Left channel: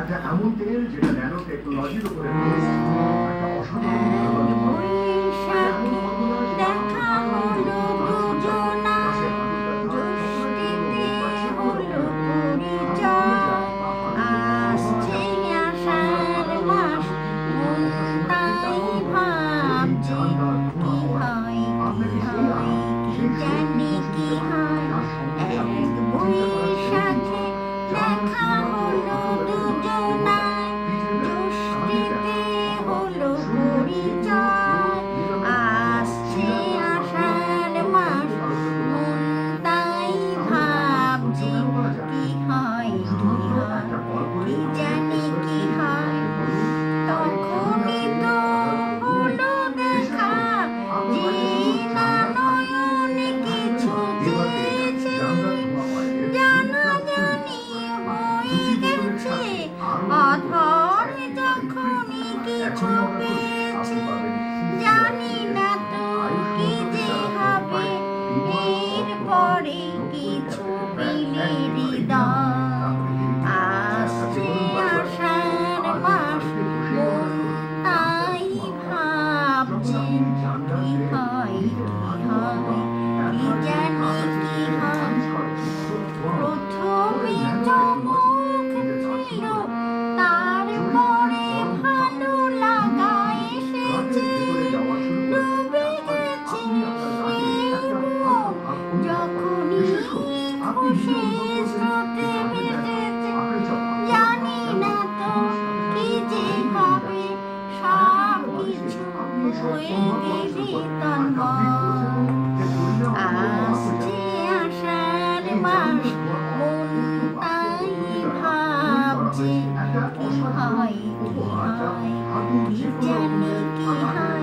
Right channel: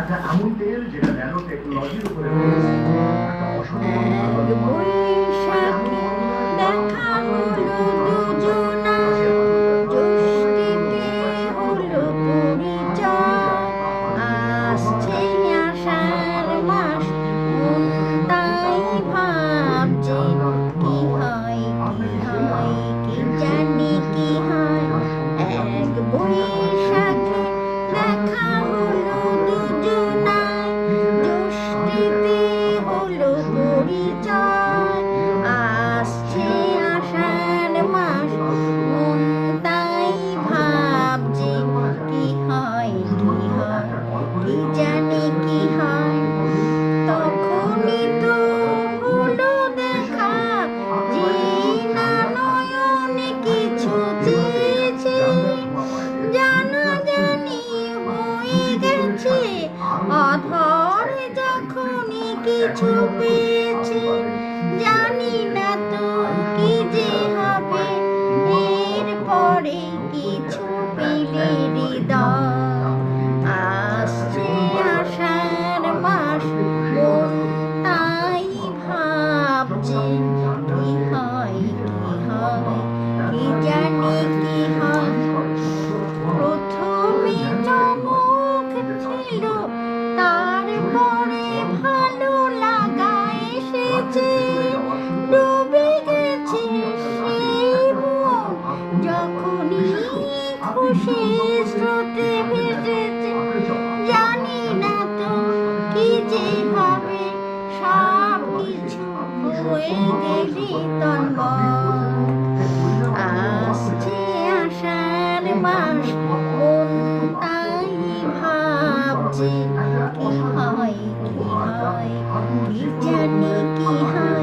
একটা এমন তেল যেটা ন্যানো টেকনোলজির উপরে বেসড, একটা অসাধারণ কার্বন বৈশাখে দেখা হলো দুজনার, জ্যৈষ্ঠীতে হলো পরিচয়। আসছে আষাঢ় মাস, মন তাই ভাবছে কি হয় কি জানি কি হয়। এক বৈশাখে দেখা হলো দুজনার, জ্যৈষ্ঠীতে হলো পরিচয়। আসছে আষাঢ় মাস, মন তাই ভাবছে কি হয় কি জানি কি হয়। তখনই তো হলো দেখা, যে না নয়নে কিছু চেয়েছে, জানাজানি হয়ে গেছে। অধর যখনই কিছু পেয়েছে, জানি না তো কি যে হবে। এরপরে কিছু পেলে হৃদয়। আসছে আষাঢ় মাস, মন তাই ভাবছে কি হয় কি জানি কি হয়। প্রথমে চমক ছিল, তারপরে ভালো লাগা এসেছে। ডুবে গেছে সেই মন, যখনই খুশি স্রোতে ভেসেছে। জানি না তো কি যে হবে, সব কিছু হয়ে গেলি তন্ময়। আসছে আষাঢ় মাস, মন তাই ভাবছে কি হয় কি জানি কি হয়।